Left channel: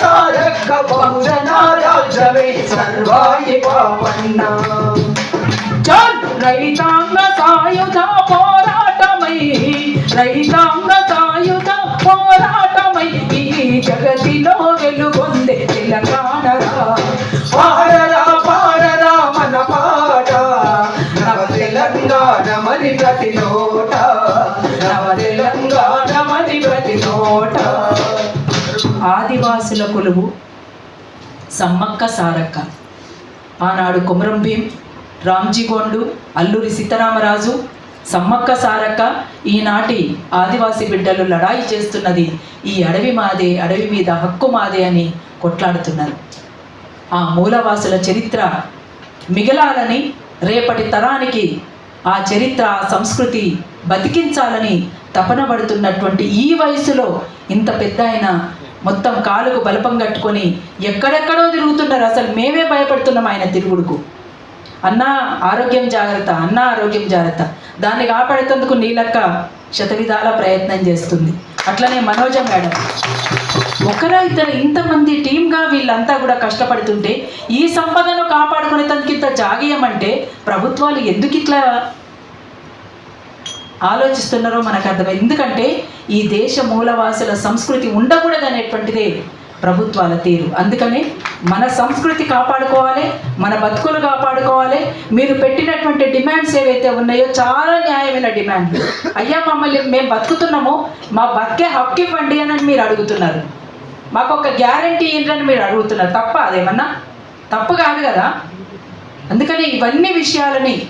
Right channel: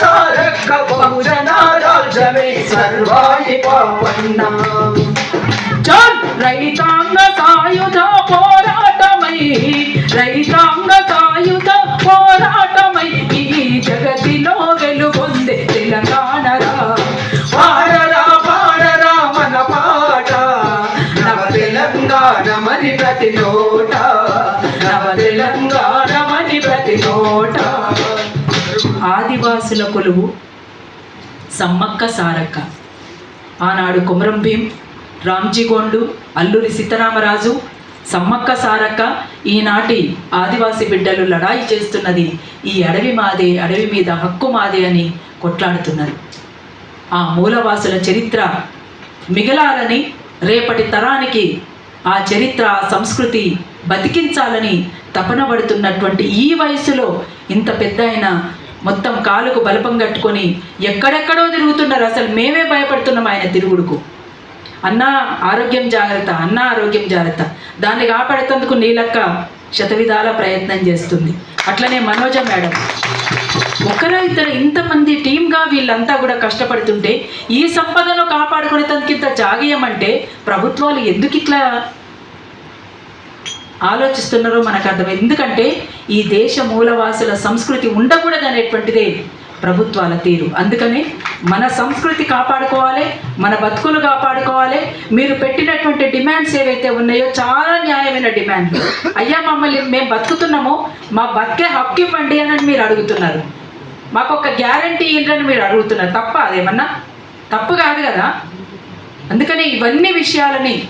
సారక్క సర్వాణి పావన్న జన్ రైతాంగ సాయుధ పోరాటమై రైతాంగ సాయుధ పోరాటమై ఈ జగతిలో వెలుగొందే తెలంగాణరా పాడరా పాడరా మన పాట నవ తెలంగాణ మరి ప్రతి నోట ఆదివాసుల కొలువు సమ్మక్క సారక్క. ఆనాడు కుమరం భీం రామ్జీగోండు అల్లూరి సీతారామరాజు సమ్మక్క సారక్క ఈనాటి ఆదివాసి బిడ్డలు లడాయి చేస్తున్నది. ఈ అడవి మాదే అడవి మీద హక్కు మాదే అని కొట్లాడుతున్నారు. ఆ మూలవాసుల చరిత్ర మిగలాలని రేపటి తరానికి ఆ చరిత్ర ఆ సంస్కృతి బతికించాలని తపన పడుతున్నటువంటి ఈ వయసులో ఇంత పెద్ద ఆయన మొత్తం కాలుకు బలపం కట్టుకొని ఎక్కడెక్కడో తిరుగుతున్నారు అసలు మేమే భయపడుతున్నాం ఆయన తిరుగుడుకు. అన్న ఆరోగ్యం జాగ్రత్త అన్న ఆరోగ్యం జాగ్రత్త. దాన్ని కాపాడేందుకు నీలక్క శతవిధాల ప్రయత్నం చేస్తుంది. అట్లనే మనోజ మేడం. ఒకరో ఇద్దరు ఇంతమంది టీమ్గా వీళ్ళంతా కూడా కష్టపడుతుంటే ఈ సంపదను కాపాడుకునే తనకింత జాగీయమంటే ప్రభుత్వాలు ఎందుకు ఇట్లా ఆలోచిస్తున్నారో మనకు అర్థమైంది. ఎందుకంటే ఈ దేశ మూలవాసుల సంస్కృతి ఉండకూడదు అనేటువంటిదే ప్రభుత్వాల తీరు. అందుకనే మన సంస్కృతి కాపాడుకోవాలి మన బతుకులు కాపాడుకోవాలి. మీరు పెట్టినటువంటి డిమాండ్స్ ఏవైతే ఉన్నాయో చాలా న్యాయమైన డిమాండ్లు. అయ్యా మమ్మల్ని మేము బతుకుతున్నామో మా బతికే హక్కు ఇవ్వండి అని మీరు అడుగుతున్నారు. మాకు ఒక గ్యారంటీ ఏంటని మీరు అడుగుతున్నారు. తప్ప అదేమన్నా? తప్పు కాదు కదా. అందుకని ఇవన్నీ విషయాలని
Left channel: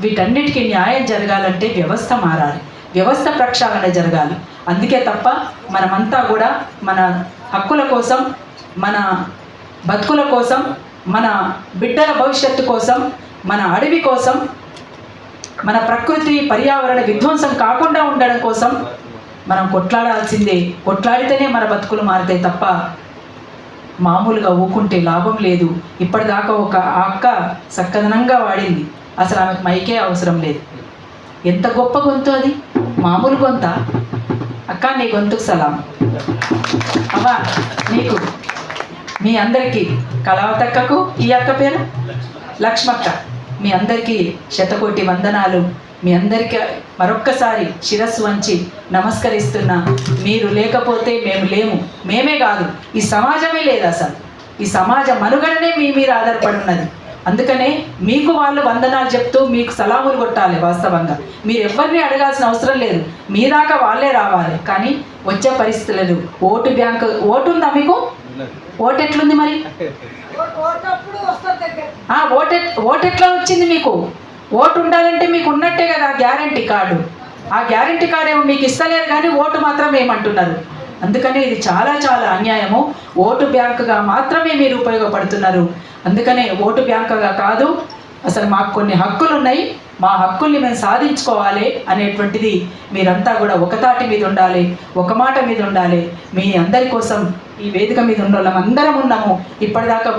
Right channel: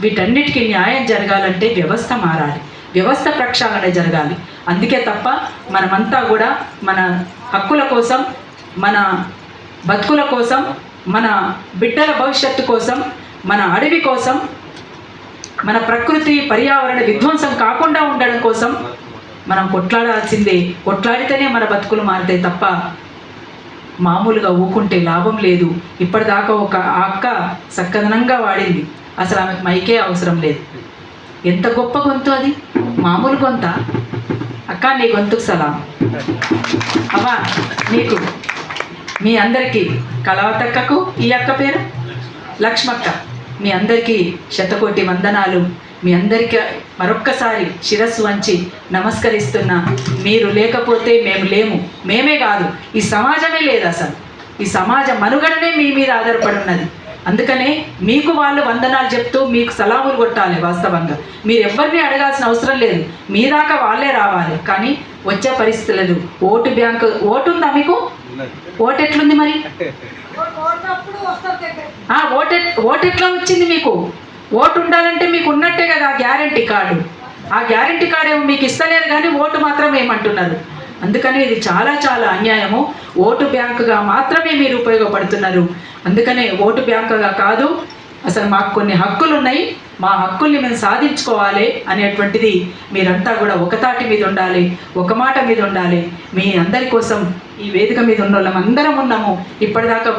వీటన్నిటికీ న్యాయం జరగాలంటే వ్యవస్థ మారాలి. వ్యవస్థ ప్రక్షాళన జరగాలి. అందుకే తప్ప మనమంతా కూడా మన హక్కుల కోసం మన బతుకుల కోసం మన బిడ్డల భవిష్యత్తు కోసం మన అడవి కోసం మన ప్రకృతి పర్యావరణ విధ్వంసం కాకుండా ఉండడం కోసం మనం కొట్లాడాల్సిందే. కొట్లాడితేనే మన బతుకులు మారితే తప్ప మామూలుగా ఊకుంటే లాభం లేదు. ఇప్పటిదాకా ఒక అక్క చక్కదనంగా వాడింది. అసలు ఆమెకు మైకే అవసరం లేదు. ఎంత గొప్ప గొంతు అది? మామూలు గొంత. అక్క నీ గొంతుకు సలాం. అవ్వా నీకు మీ అందరికీ కళావతక్కకు ఈ అక్క పేరు? లక్ష్మక్క. మీ అందరికీ శతకోటి వందనాలు. మీ అందరికీ మరొక్కసారి శిరస్సు వంచి నమస్కరిస్తున్నా. మీరు లేకపోతే మేము లేము. మేమే కాదు. ఈ సమాజమే లేదు అసలు. ఈ సమాజ మనుగడనే మీ మీద ఆధారపడి ఉన్నది. అందుకనే మీకు వాళ్ళు వందనాలు చెప్తూ మీకు సలాములు కొట్టాలి వాస్తవంగా. మీరు ఎవరిని అడగాల్సిన అవసరం లేదు. మీ దాకా వాళ్ళే రావాలి. కానీ వచ్చే పరిస్థితులు ఓటు బ్యాంకు ఓటు ఉందా మీకు? ఓటు ఎట్లుంది మరి? ఓటు ఓటు ఎట్లా వచ్చింది మీకు? ఓటు ఉండాలంటే మీకు ఉన్నట్టే కదా గ్యారంటీ కార్డు. ఆ గ్యారంటీ కార్డు ఏమో మీకు ఇస్తలేదు కానీ ఓటు మాత్రం ఏమంటున్నారు? అందుకని ఇది చాలా చాలా అన్యాయము. ఓటు బ్యాంకుగా మాత్రమే మీరు ఉపయోగపడుతున్నారు. అందుకనే ఓటు బ్యాంకుగా కాదు అసలు మాకు కొన్ని హక్కులు ఉన్నాయి మా హక్కుల్ని మేము సాధించుకోవాలి అనేటువంటిది మీరంతా కూడా ఒకతాటి మీద ఉండాలి ఒక మాట మీద ఉండాలి. మీ అందరి కోసం ఈ వేదిక మీద ఉన్న వాళ్ళం అందరం ఉన్నాము. ఇప్పటిదాకా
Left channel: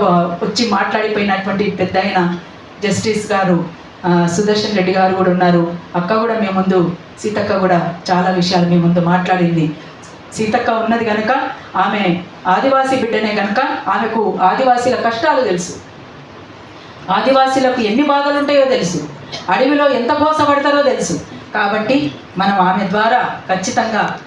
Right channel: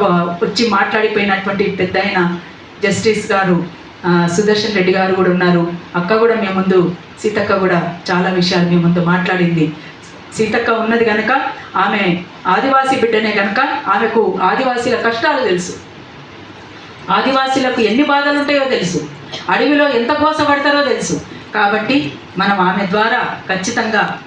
వచ్చి మాట్లాడిపోయినటువంటి పెద్ద జస్టిస్ గారు సుదర్శన్ రెడ్డి గారు కూడా ఉన్నారు. అక్క కూడా మీ ముందు సీతక్క కూడా చాలా విషయాలు మీ ముందు మాట్లాడింది. సీతక్క ఉన్నది కనుక ఆమె ఆదివాసీ బిడ్డనే కనుక ఆమెకు ఆదివాసీల కష్టాలు తెలుసు. ఆదివాసీలకు ఎన్ని బాధలు ఉంటాయో తెలుసు. అడవిలో ఎంత కోసపడతారో తెలుసు. కాబట్టి మనం ఆమె ద్వారా ఖచ్చితంగా